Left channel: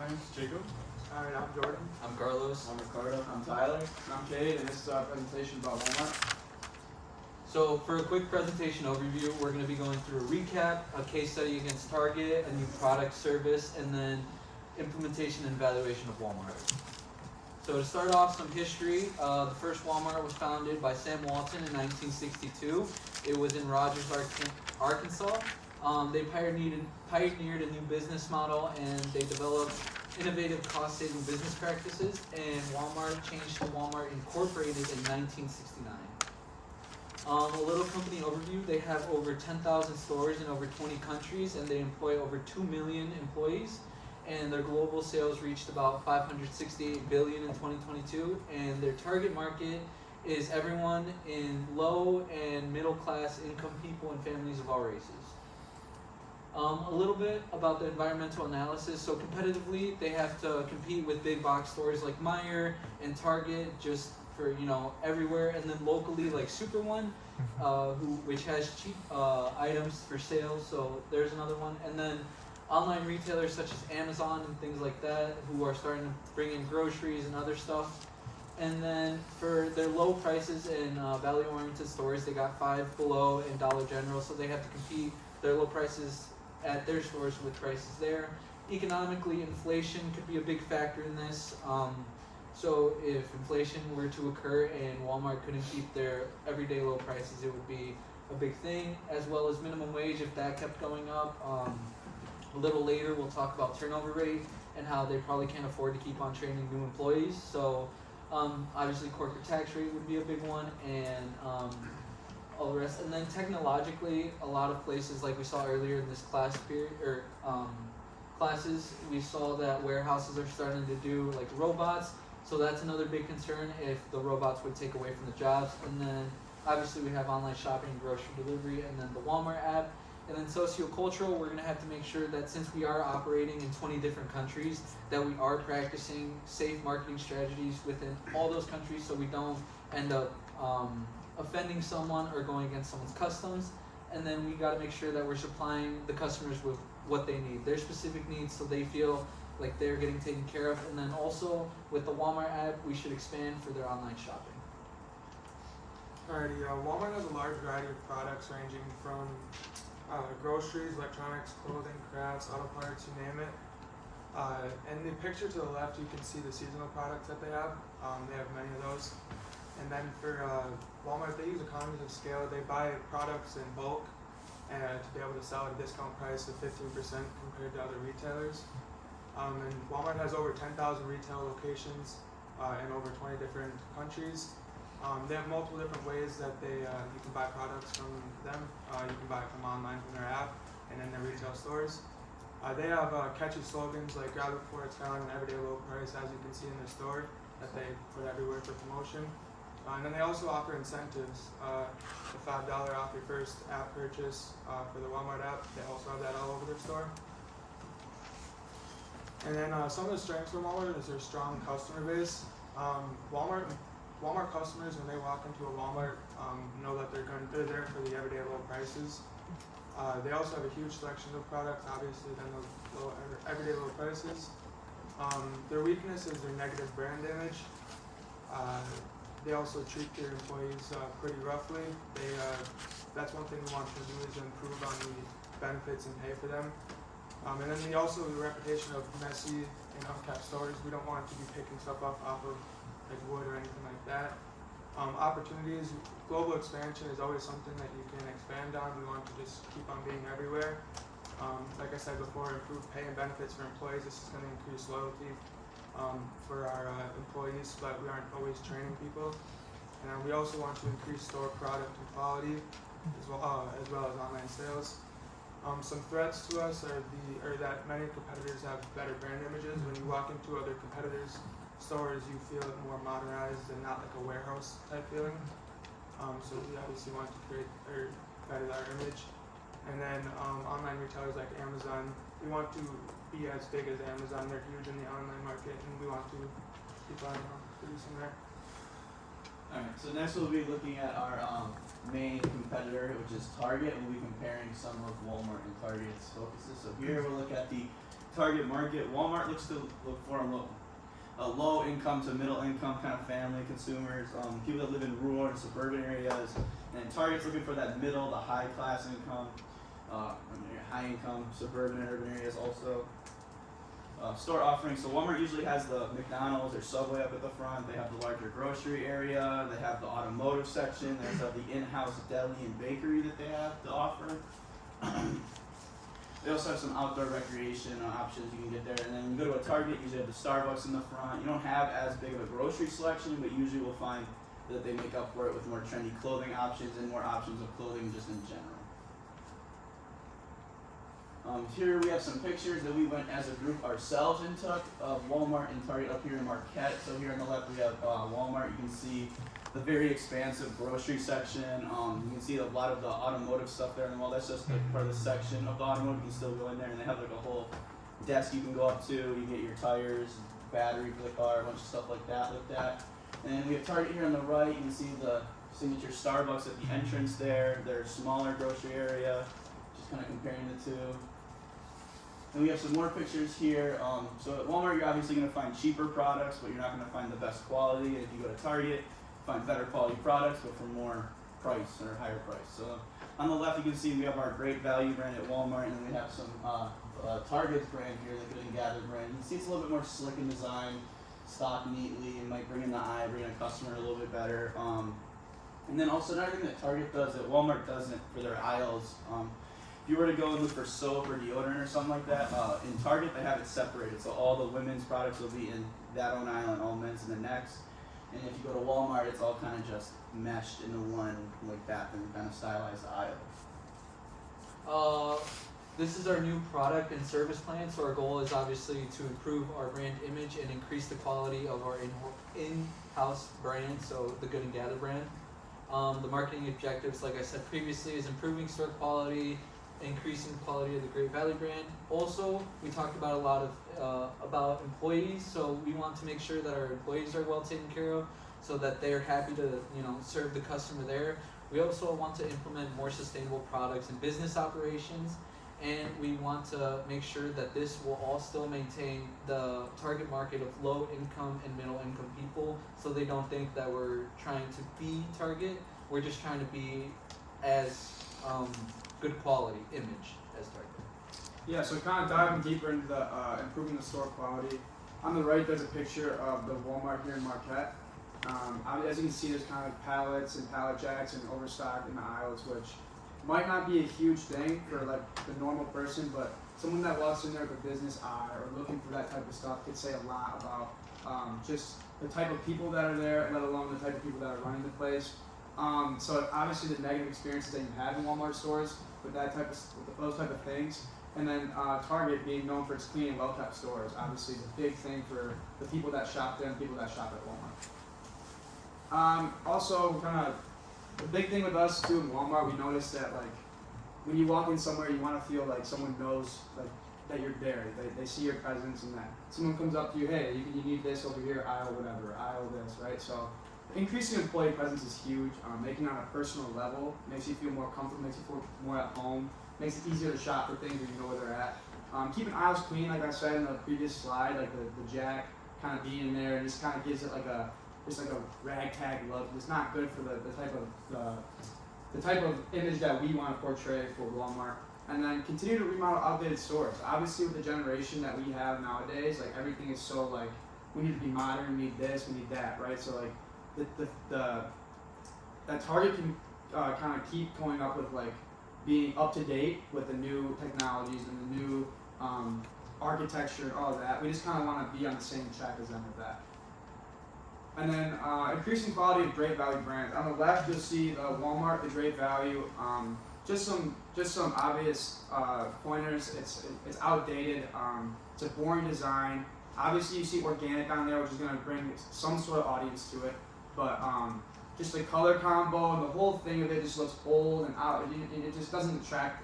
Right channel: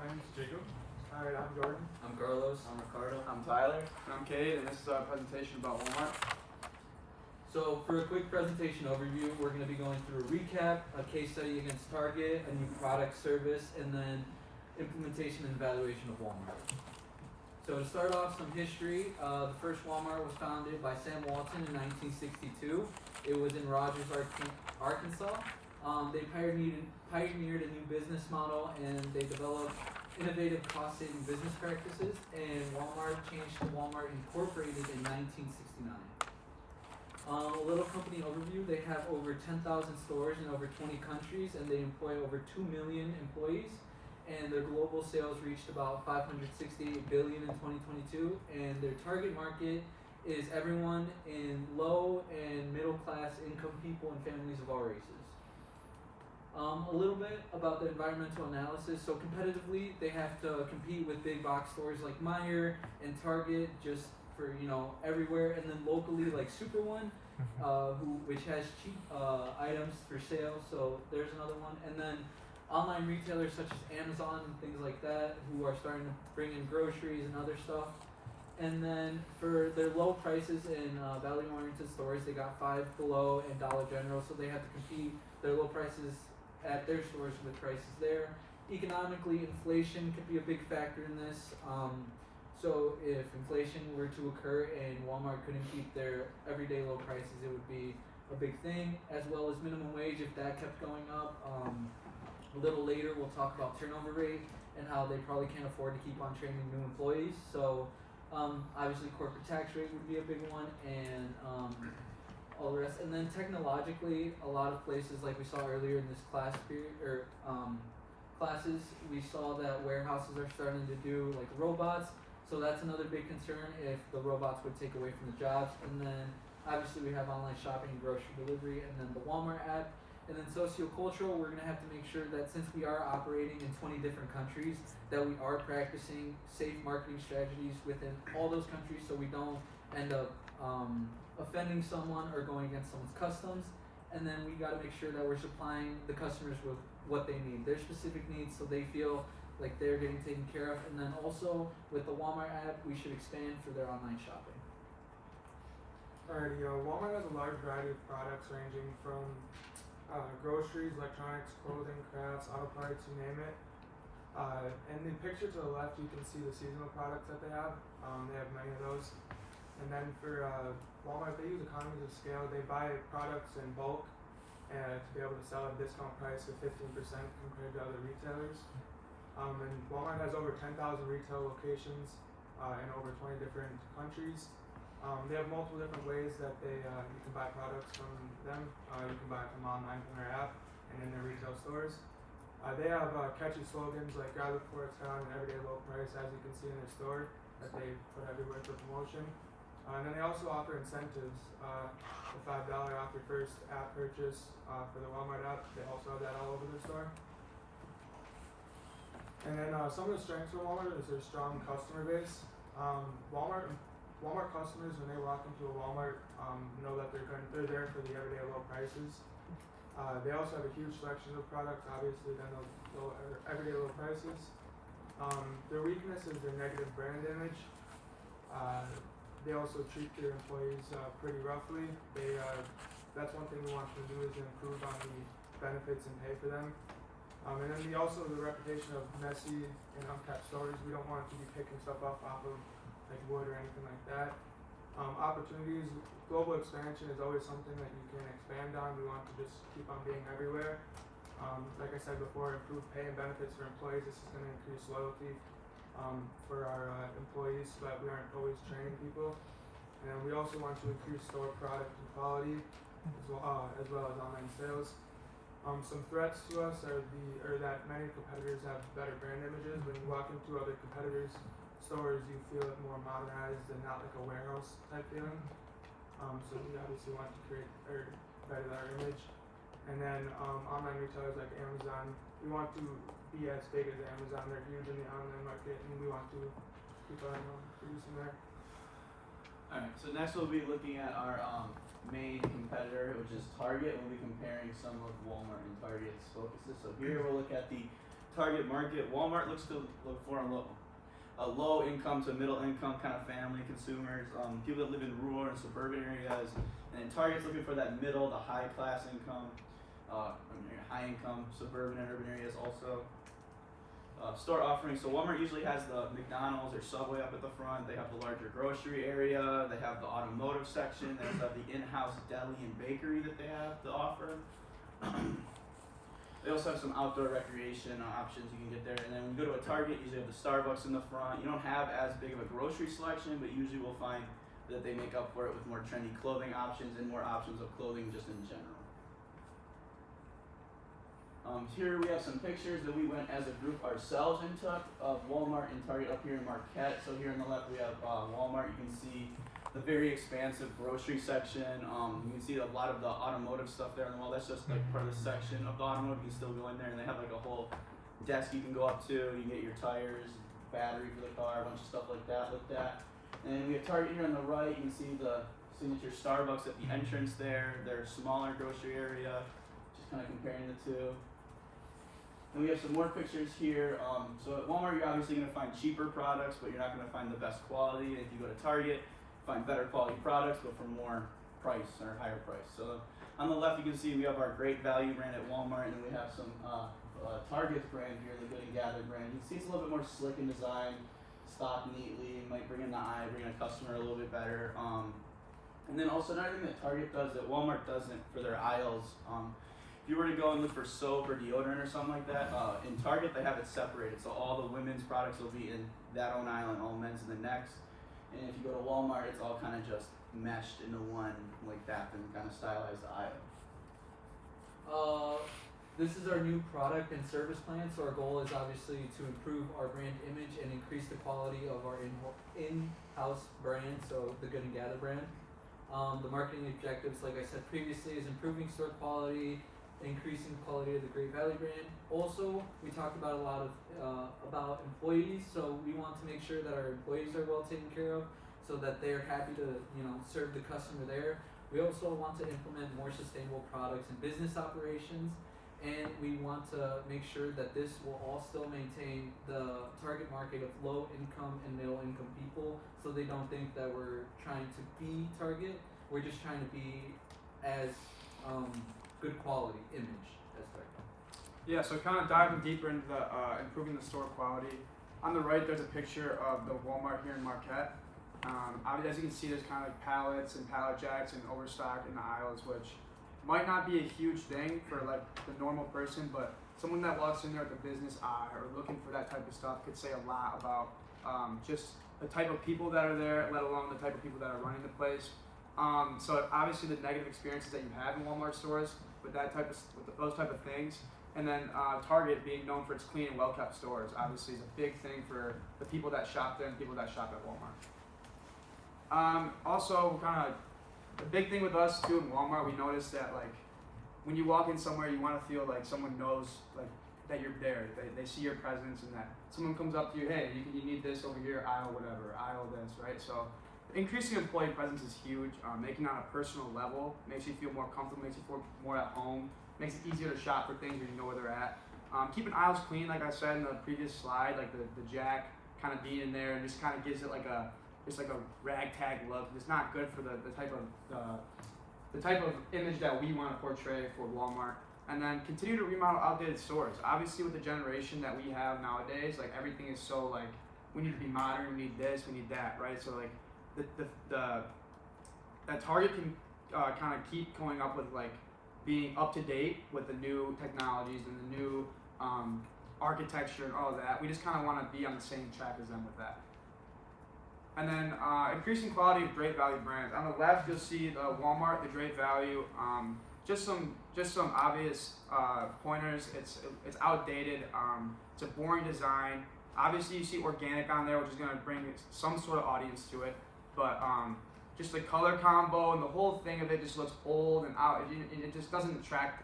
My name's Jacob. Alright, I'm Jordan. I'm Carlos. I'm Ricardo. I'm Tyler. And I'm Cade, and this is our presentation about Walmart. So for a quick presentation overview, we're going to be going through a recap, a case study against Target, a new product service, and then implementation and evaluation of Walmart. So to start off, some history. The first Walmart was founded by Sam Walton in 1962. It was in Rogers, Arkansas. They pioneered a new business model, and they developed innovative cost-saving business practices, and Walmart changed to Walmart Incorporated in 1969. A little company overview, they have over 10,000 stores in over 20 countries, and they employ over 2 million employees, and their global sales reached about $568 billion in 2022, and their target market is everyone in low and middle class income people and families of all races. A little bit about the environmental analysis. So competitively, they have to compete with big box stores like Meijer and Target, just for everywhere, and then locally like Super One, which has cheap items for sale. So there's another one, and then online retailers such as Amazon and things like that, who are starting to bring in groceries and other stuff. And then for their low prices in value-oriented stores, they got Five Below and Dollar General, so they have to compete their low prices at their stores with prices there. Economically, inflation could be a big factor in this. So if inflation were to occur and Walmart couldn't keep their everyday low prices, it would be a big thing, as well as minimum wage if that kept going up. A little later, we'll talk about turnover rate and how they probably can't afford to keep on training new employees. So obviously corporate tax rate would be a big one, and all the rest. And then technologically, a lot of places, like we saw earlier in this class period, or classes, we saw that warehouses are starting to do like robots. So that's another big concern if the robots would take away from the jobs. And then obviously we have online shopping and grocery delivery, and then the Walmart app. And then sociocultural, we're gonna have to make sure that since we are operating in 20 different countries, that we are practicing safe marketing strategies within all those countries, so we don't end up offending someone or going against someone's customs. And then we got to make sure that we're supplying the customers with what they need, their specific needs, so they feel like they're getting taken care of. And then also with the Walmart app, we should expand for their online shopping. Alrighty, Walmart has a large variety of products ranging from groceries, electronics, clothing, crafts, auto parts, you name it. And the picture to the left, you can see the seasonal products that they have. They have many of those. And then for Walmart, they use economies of scale. They buy products in bulk and to be able to sell at a discount price of 15% compared to other retailers. And Walmart has over 10,000 retail locations in over 20 different countries. They have multiple different ways that you can buy products from them. You can buy from online from their app and in their retail stores. They have catchy slogans like "Grab it before it's gone," "Everyday low price," as you can see in their store, that they put everywhere for promotion. And then they also offer incentives. The $5 off your first app purchase for the Walmart app. They also have that all over their store. And then some of the strengths of Walmart is their strong customer base. Walmart customers, when they walk into a Walmart, know that they're there for the everyday low prices. They also have a huge selection of products, obviously, than the everyday low prices. Their weakness is their negative brand image. They also treat their employees pretty roughly. That's one thing we want to do, is improve on the benefits and pay for them. And then they also have a reputation of messy and unkept stores. We don't want to be picking stuff up off of like wood or anything like that. Opportunities, global expansion is always something that you can expand on. We want to just keep on being everywhere. Like I said before, improve pay and benefits for employees. This is going to increase loyalty for our employees, but we aren't always training people. And we also want to increase store product and quality, as well as online sales. Some threats to us are that many competitors have better brand images. When you walk into other competitors' stores, you feel more modernized and not like a warehouse type feeling. So we obviously want to create or better our image. And then online retailers like Amazon, we want to be as big as Amazon. They're huge in the online market, and we want to keep on producing there. Alright, so next we'll be looking at our main competitor, which is Target. We'll be comparing some of Walmart and Target's focuses. So here we'll look at the target market, Walmart looks to look for a low income to middle income kind of family consumers, people that live in rural and suburban areas, and Target's looking for that middle to high class income, high income suburban and urban areas also. Store offerings. So Walmart usually has the McDonald's or Subway up at the front. They have the larger grocery area. They have the automotive section. They also have the in-house deli and bakery that they have to offer. They also have some outdoor recreation options you can get there. And then when you go to a Target, you usually have the Starbucks in the front. You don't have as big of a grocery selection, but usually we'll find that they make up for it with more trendy clothing options and more options of clothing just in general. Here we have some pictures that we went as a group ourselves and took of Walmart and Target up here in Marquette. So here on the left we have Walmart. You can see the very expansive grocery section. You can see a lot of the automotive stuff there on the wall. That's just like part of the section of the automotive. You can still go in there, and they have like a whole desk you can go up to. You can get your tires, battery for the car, a bunch of stuff like that looked at. And then we have Target here on the right. You can see the signature Starbucks at the entrance there. Their smaller grocery area. Just kind of comparing the two. And we have some more pictures here. So at Walmart, you're obviously going to find cheaper products, but you're not going to find the best quality. And if you go to Target, you find better quality products, but for more price or higher price. So on the left, you can see we have our Great Value brand at Walmart, and then we have some Target's brand here, the Good and Gather brand. You can see it's a little bit more slick in design, stocked neatly, and might bring in the eye, bring in a customer a little bit better. And then also another thing that Target does that Walmart doesn't for their aisles. If you were to go and look for soap or deodorant or something like that, in Target they have it separated. So all the women's products will be in that own aisle and all men's in the next. And if you go to Walmart, it's all kind of just meshed into one like bathroom kind of stylized aisle. This is our new product and service plan. So our goal is obviously to improve our brand image and increase the quality of our in-house brand, so the Good and Gather brand. The marketing objectives, like I said previously, is improving store quality, increasing the quality of the Great Value brand. Also, we talked about a lot of about employees, so we want to make sure that our employees are well taken care of, so that they're happy to serve the customer there. We also want to implement more sustainable products and business operations, and we want to make sure that this will all still maintain the target market of low income and middle income people, so they don't think that we're trying to be Target. We're just trying to be as good quality image as Target. Yeah, so kind of diving deeper into the improving the store quality. On the right, there's a picture of the Walmart here in Marquette. As you can see, there's kind of like pallets and pallet jacks and overstock in the aisles, which might not be a huge thing for like the normal person, but someone that walks in there with a business eye or looking for that type of stuff could say a lot about just the type of people that are there, let alone the type of people that are running the place. So obviously the negative experiences that you have in Walmart stores with that type of those type of things, and then Target being known for its clean and well kept stores, obviously is a big thing for the people that shop there and people that shop at Walmart. Also, kind of the big thing with us too in Walmart, we noticed that like when you walk in somewhere, you want to feel like someone knows like that you're there. They see your presence, and that someone comes up to you, hey, you need this over here, aisle whatever, aisle this, right? So increasing employee presence is huge. Making it on a personal level makes you feel more comfortable, makes you feel more at home, makes it easier to shop for things when you know where they're at. Keeping aisles clean, like I said in the previous slide, like the jack kind of being in there, and just kind of gives it like a ragtag look. It's not good for the type of image that we want to portray for Walmart. And then continue to remodel outdated stores. Obviously, with the generation that we have nowadays, like everything is so like we need to be modern, we need this, we need that, right? So like that Target can kind of keep coming up with like being up to date with the new technologies and the new architecture and all of that. We just kind of want to be on the same track as them with that. And then increasing quality of Great Value brands. On the left, you'll see Walmart, the Great Value. Just some obvious pointers. It's outdated. It's a boring design. Obviously, you see organic on there, which is going to bring some sort of audience to it. But just the color combo and the whole thing of it just looks old and out. And it just doesn't attract.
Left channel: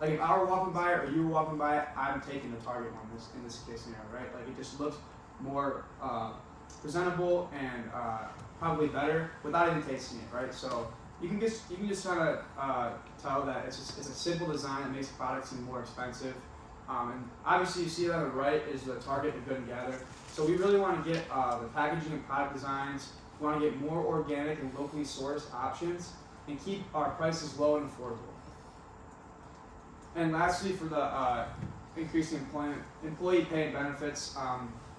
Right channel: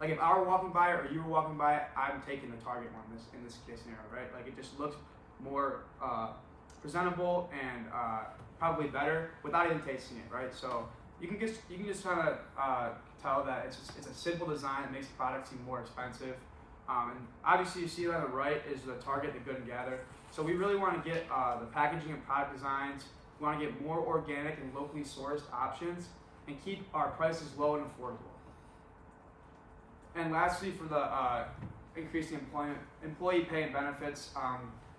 Like if I were walking by it or you were walking by it, I'm taking the Target one in this case scenario, right? Like it just looks more presentable and probably better without even tasting it, right? So you can just kind of tell that it's a simple design that makes the product seem more expensive. And obviously you see it on the right is the Target and Good and Gather. So we really want to get the packaging and product designs. We want to get more organic and locally sourced options and keep our prices low and affordable. And lastly, for the increasing employee pay and benefits,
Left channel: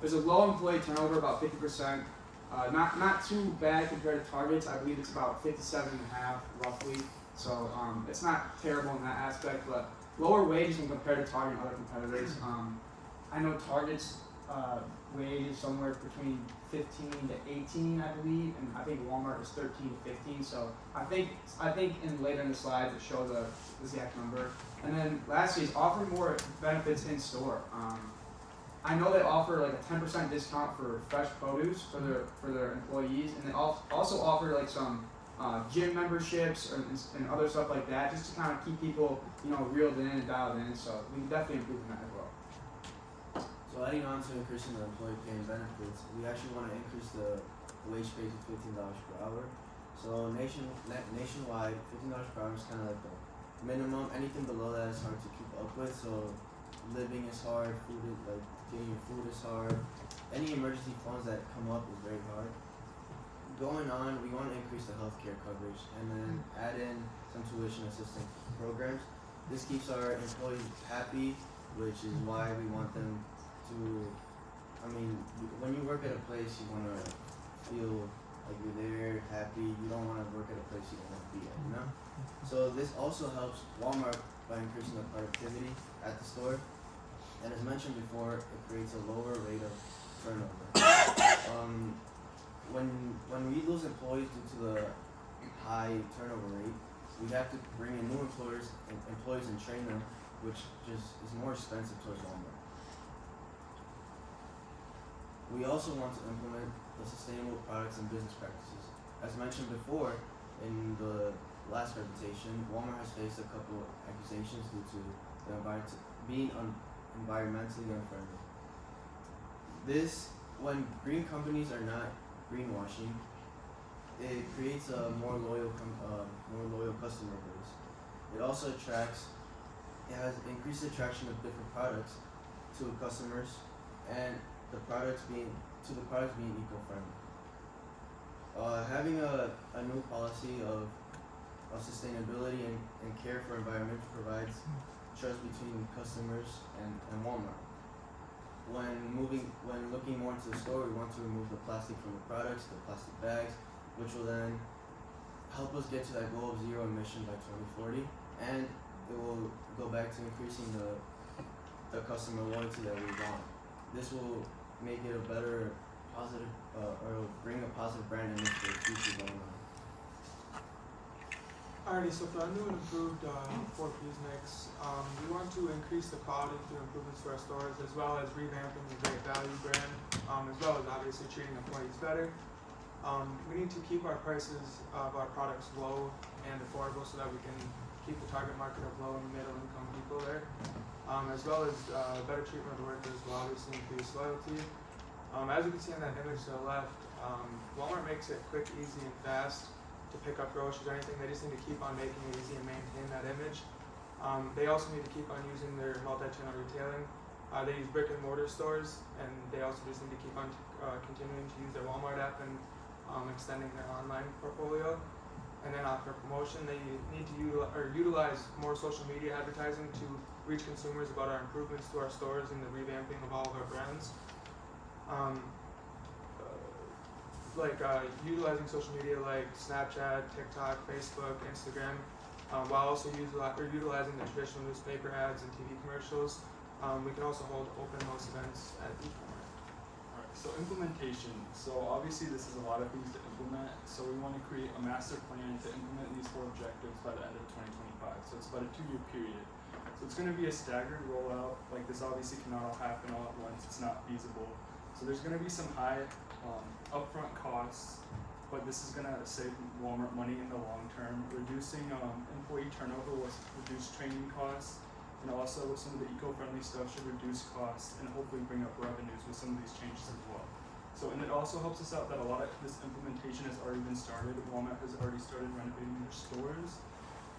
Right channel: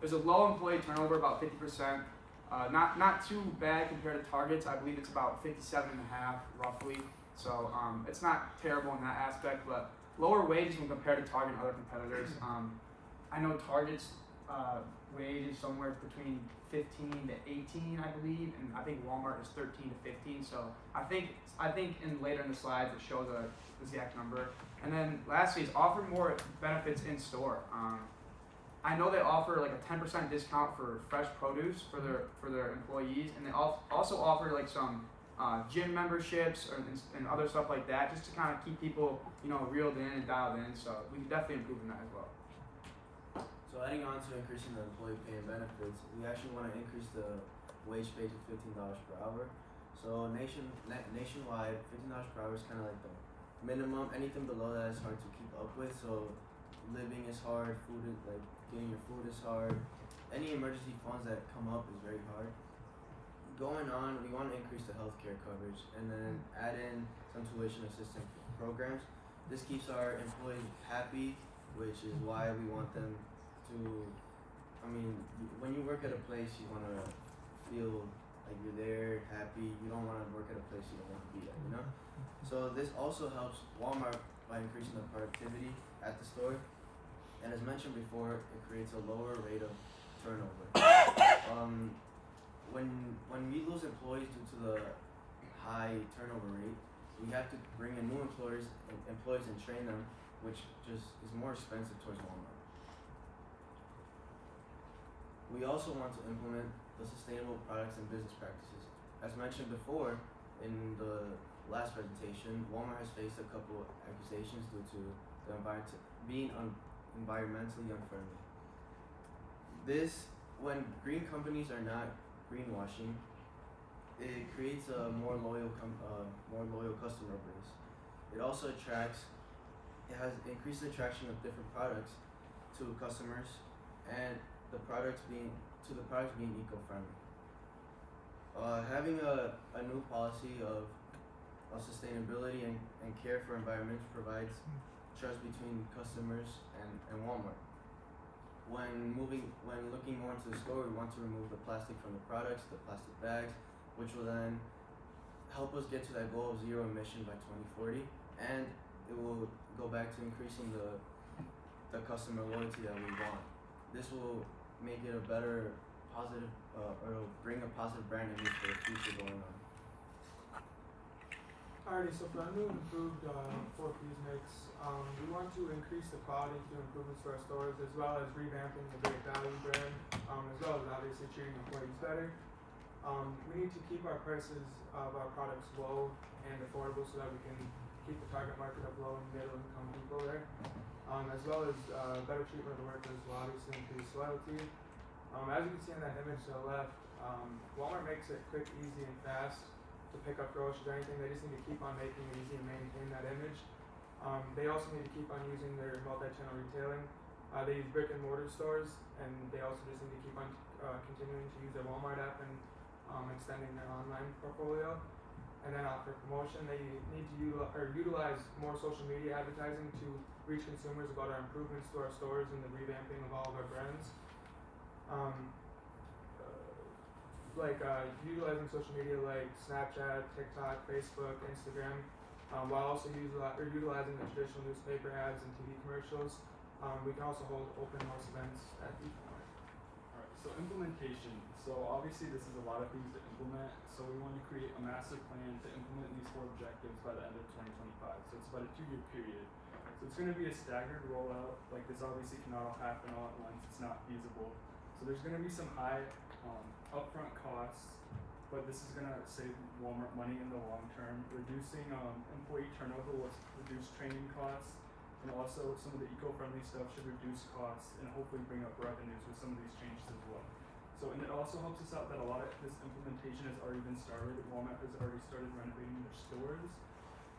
there's a low employee turnover, about 50%. Not too bad compared to Target's. I believe it's about 57.5 roughly. So it's not terrible in that aspect, but lower wages when compared to Target and other competitors. I know Target's wage is somewhere between 15 to 18, I believe, and I think Walmart is 13 to 15. So I think in later in the slides it shows the exact number. And then lastly is offer more benefits in store. I know they offer like a 10% discount for fresh produce for their employees, and they also offer like some gym memberships and other stuff like that, just to kind of keep people, reeled in and dialed in. So we can definitely improve on that as well. So adding on to increasing the employee pay and benefits, we actually want to increase the wage pay to $15 per hour. So nationwide, $15 per hour is kind of like the minimum. Anything below that is hard to keep up with. So living is hard, getting your food is hard. Any emergency funds that come up is very hard. Going on, we want to increase the healthcare coverage and then add in some tuition assistance programs. This keeps our employees happy, which is why we want them to, when you work at a place, you want to feel like you're there, happy. You don't want to work at a place you don't want to be at, So this also helps Walmart by increasing the productivity at the store. And as mentioned before, it creates a lower rate of turnover. When we lose employees due to the high turnover rate, we have to bring in new employees and train them, which just is more expensive towards Walmart. We also want to implement the sustainable products and business practices. As mentioned before in the last presentation, Walmart has faced a couple accusations due to the being environmentally unfriendly. When green companies are not greenwashing, it creates a more loyal customer base. It also has increased the attraction of different products to customers and the products being eco-friendly. Having a new policy of sustainability and care for environment provides trust between customers and Walmart. When looking more into the store, we want to remove the plastic from the products, the plastic bags, which will then help us get to that goal of zero emission by 2040, and it will go back to increasing the customer loyalty that we want. This will make it a better positive, or bring a positive brand image for the future going on. Alrighty, so for our new and improved 4Ps mix, we want to increase the quality through improvements to our stores, as well as revamping the Great Value brand, as well as obviously treating employees better. We need to keep our prices of our products low and affordable so that we can keep the target market of low and middle income people there, as well as better treatment of workers will obviously increase loyalty. As you can see on that image to the left, Walmart makes it quick, easy, and fast to pick up groceries or anything. They just need to keep on making it easy and maintain that image. They also need to keep on using their multi-channel retailing. They use brick and mortar stores, and they also just need to keep on continuing to use their Walmart app and extending their online portfolio. And then for promotion, they need to utilize more social media advertising to reach consumers about our improvements to our stores and the revamping of all of our brands. Utilizing social media like Snapchat, TikTok, Facebook, Instagram, while also utilizing the traditional newspaper ads and TV commercials. We can also hold open house events at each one. Alright, so implementation. So obviously this is a lot of things to implement, so we want to create a master plan to implement these 4 objectives by the end of 2025. So it's about a 2-year period. So it's going to be a staggered rollout. Like, this obviously cannot all happen all at once. It's not feasible. So there's going to be some high upfront costs, but this is going to save Walmart money in the long term. Reducing employee turnover will reduce training costs, and also some of the eco-friendly stuff should reduce costs and hopefully bring up revenues with some of these changes as well. So, and it also helps us out that a lot of this implementation has already been started. Walmart has already started renovating their stores.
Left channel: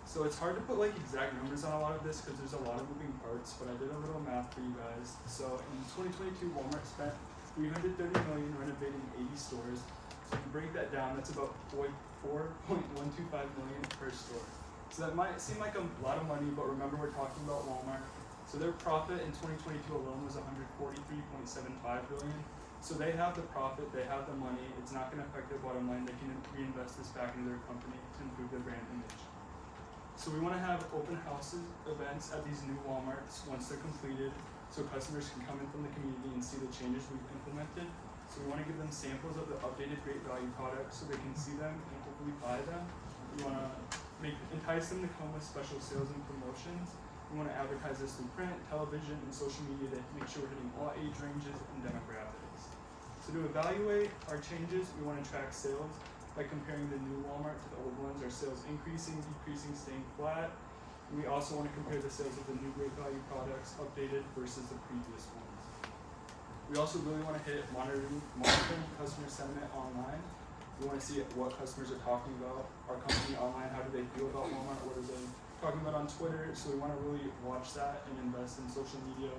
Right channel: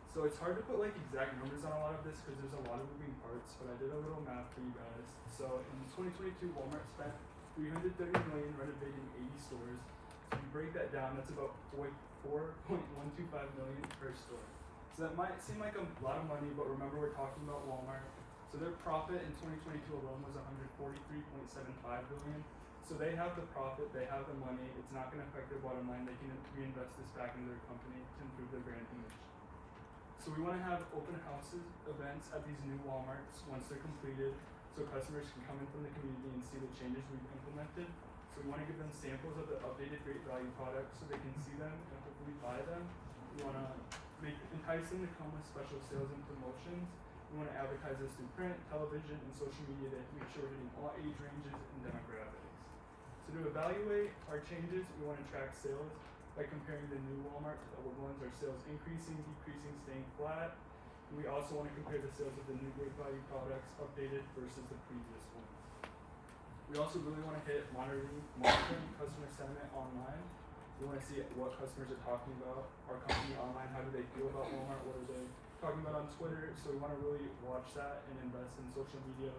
So it's hard to put like exact numbers on a lot of this because there's a lot of moving parts, but I did a little math for you guys. So in 2022, Walmart spent $330 million renovating 80 stores. So if you break that down, that's about $4.125 million per store. So that might seem like a lot of money, but remember we're talking about Walmart. So their profit in 2022 alone was $143.75 billion. So they have the profit, they have the money. It's not going to affect their bottom line. They can reinvest this back into their company to improve their brand image. So we want to have open houses events at these new Walmarts once they're completed, so customers can come in from the community and see the changes we've implemented. So we want to give them samples of the updated great value products so they can see them and hopefully buy them. We want to entice them to come with special sales and promotions. We want to advertise this through print, television, and social media to make sure we're hitting all age ranges and demographics. So to evaluate our changes, we want to track sales by comparing the new Walmart to the old ones. Are sales increasing, decreasing, staying flat? We also want to compare the sales of the new great value products updated versus the previous ones. We also really want to hit monitoring customer sentiment online. We want to see what customers are talking about our company online. How do they feel about Walmart? What are they talking about on Twitter? So we want to really watch that and invest in social media,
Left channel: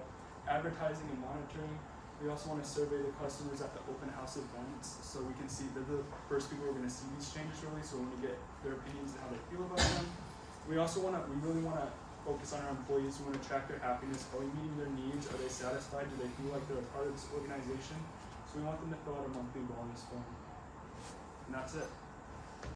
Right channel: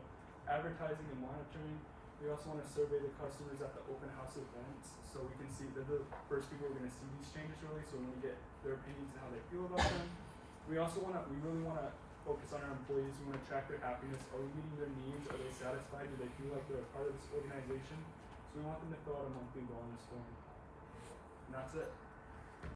advertising, and monitoring. We also want to survey the customers at the open house events so we can see they're the first people who are going to see these changes really, so we want to get their opinions and how they feel about them. We really want to focus on our employees. We want to track their happiness. Are we meeting their needs? Are they satisfied? Do they feel like they're a part of this organization? So we want them to fill out a monthly wellness form. And that's it.